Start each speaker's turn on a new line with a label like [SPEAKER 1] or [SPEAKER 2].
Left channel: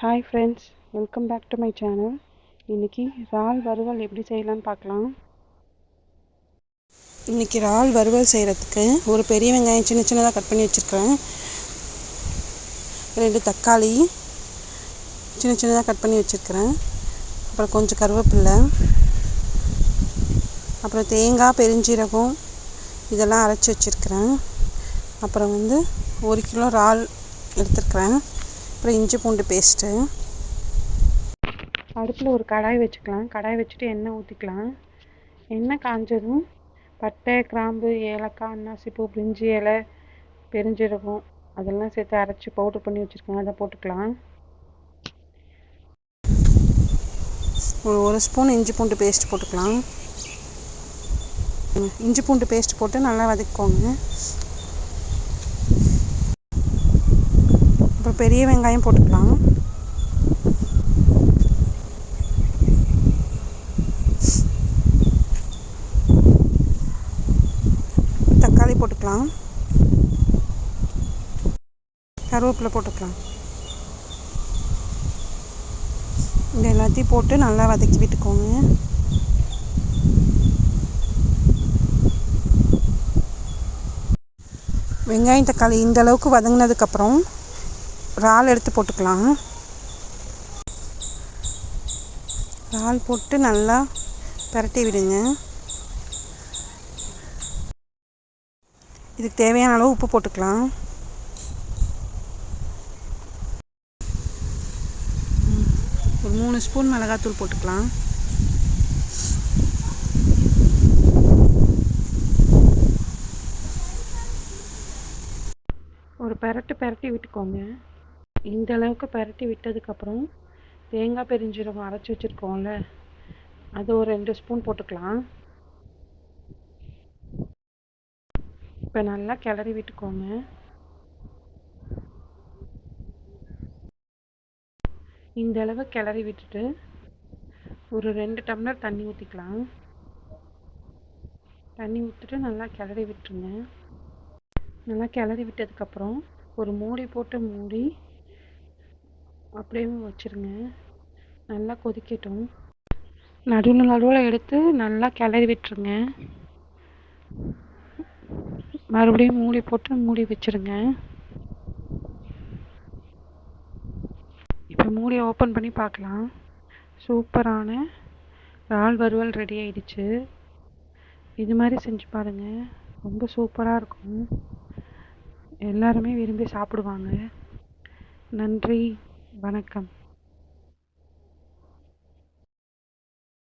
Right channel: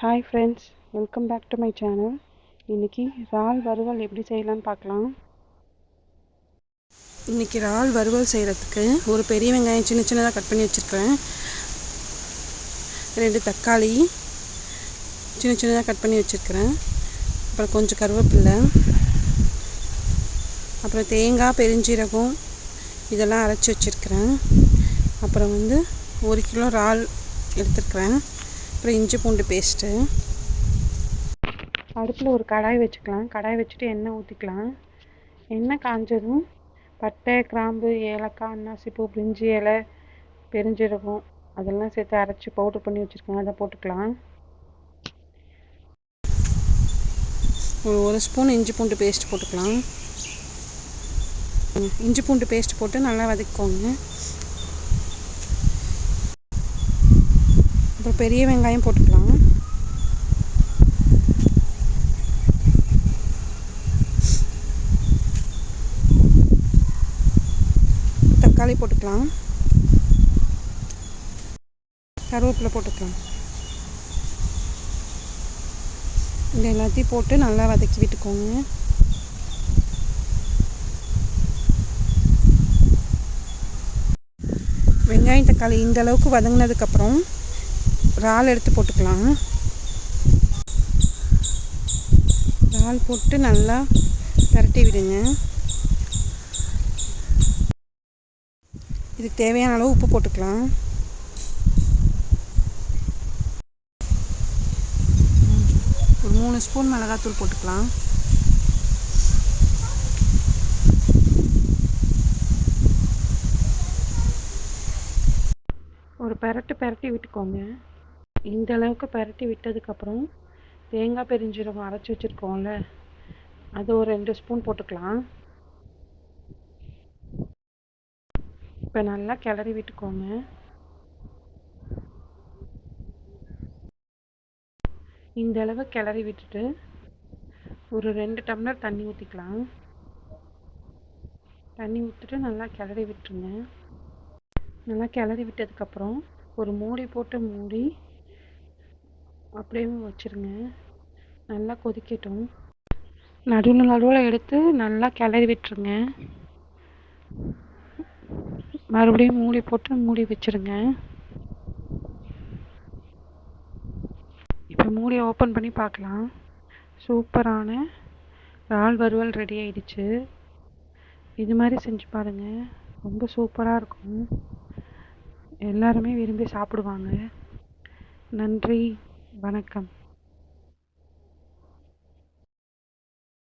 [SPEAKER 1] Hi friends welcome back to my channel இன்றைக்கி இறால் வறுவல் எப்படி செய்யலான்னு பார்க்கலாம். இன்றைக்கி இறால் வறுவல் செய்கிறதுக்கு ஒரு பெரிய வெங்காயம் சின்ன சின்னதாக கட் பண்ணி வச்சுருக்கிறேன். ரெண்டு தக்காளி சின்ன சின்னதாக கட் பண்ணி வச்சுருக்கிறேன். அப்புறம் கொஞ்சம் கருவேப்பில்லை அப்புறம் தேங்காய் பெருஞ்சீரகம் இதெல்லாம் அரைச்சி வச்சுருக்கிறேன். அப்புறம் வந்து ஒரு கிலோ இறால் எடுத்துருக்கிறேன். அப்புறம் இஞ்சி பூண்டு பேஸ்ட்டு அடுப்பில் ஒரு கடாய் வச்சுக்கலாம். கடாய் வச்சுட்டு எண்ணெய் ஊற்றிக்கலாம் எண்ணெய் காஞ்சதும் பட்டை கிராம்பு ஏலக்காய் அன்னாசிப்பூ பிரிஞ்சி இலை பெருஞ்சீரகம் அதெல்லாம் சேர்த்து அரைச்சி பவுட்ரு பண்ணி வச்சுருக்கேன். அதை போட்டுக்கலாம். ஒரு ஒரு ஸ்பூன் இஞ்சி பூண்டு பேஸ்ட் போட்டுக்கலாம். இஞ்சி பூண்டு பேஸ்ட் போட்டு நல்லா வதக்கிக்கோங்க. அப்புறம் பெரிய வெங்காயம் போட்டுக்கலாம். தக்காளி போட்டுக்கலாம். கருவேப்பிலை போட்டுக்கலாம். இது எல்லாத்தையும் போட்டு நல்லா வதக்கி விட்டுக்கோங்க. வெங்காயம் தக்காளி இந்த அளவுக்கு வதங்கினதுக்கப்புறம் இறால் எடுத்து போட்டுக்கலாம். இறால் போட்டு நல்லா பரட்டி விடுங்க. இதுக்கு தேவையான அளவு உப்பு போட்டுக்கலாம். ஒரு மூணு ஸ்பூன் மிளகாத்தூள் போட்டுக்கலாம். ஒரு பெரட்டு பெரட்டி விட்டுக்கோங்க. இந்த அளவுக்கு பரட்டி விட்டதுக்கப்புறம் தேங்காய் பெருஞ்சீரகம் அரைச்சி வச்சுருக்கோம்ல அது ஒரு ரெண்டு ஸ்பூன் போட்டுக்கலாம். இப்போ நல்லா கிளறி விட்டுக்கோங்க. இந்த அளவு கிளறி விட்டுட்டு ஒரு ரெண்டு டம்ளர் தண்ணி ஊற்றிக்கலாம் தண்ணி ஊற்றிட்டு நல்லா கிளறி விட்டுருங்க. நல்லா கிளறி விட்டதுக்கப்புறம் ஒரு மூடி போட்டு மூடி அப்படியே வச்சுருங்க. நல்லா கொதிக்கட்டும். நடுவில் நடுவில் எடுத்து நல்லா கிளறி விட்டுருங்க. மறுபடியும் மூடி போட்டு மூடி வச்சுருங்க. இப்போ மூடி ஓப்பன் பண்ணி பார்க்கலாம் சூப்பரான இறால் வறுவல் ரெடி ஆயிடுச்சு. இது மாதிரி செஞ்சு பாருங்கள் ரொம்ப சூப்பராக இருக்கும். எல்லாருமே விரும்பி சாப்பிடுவாங்க. நன்றி. வணக்கம்.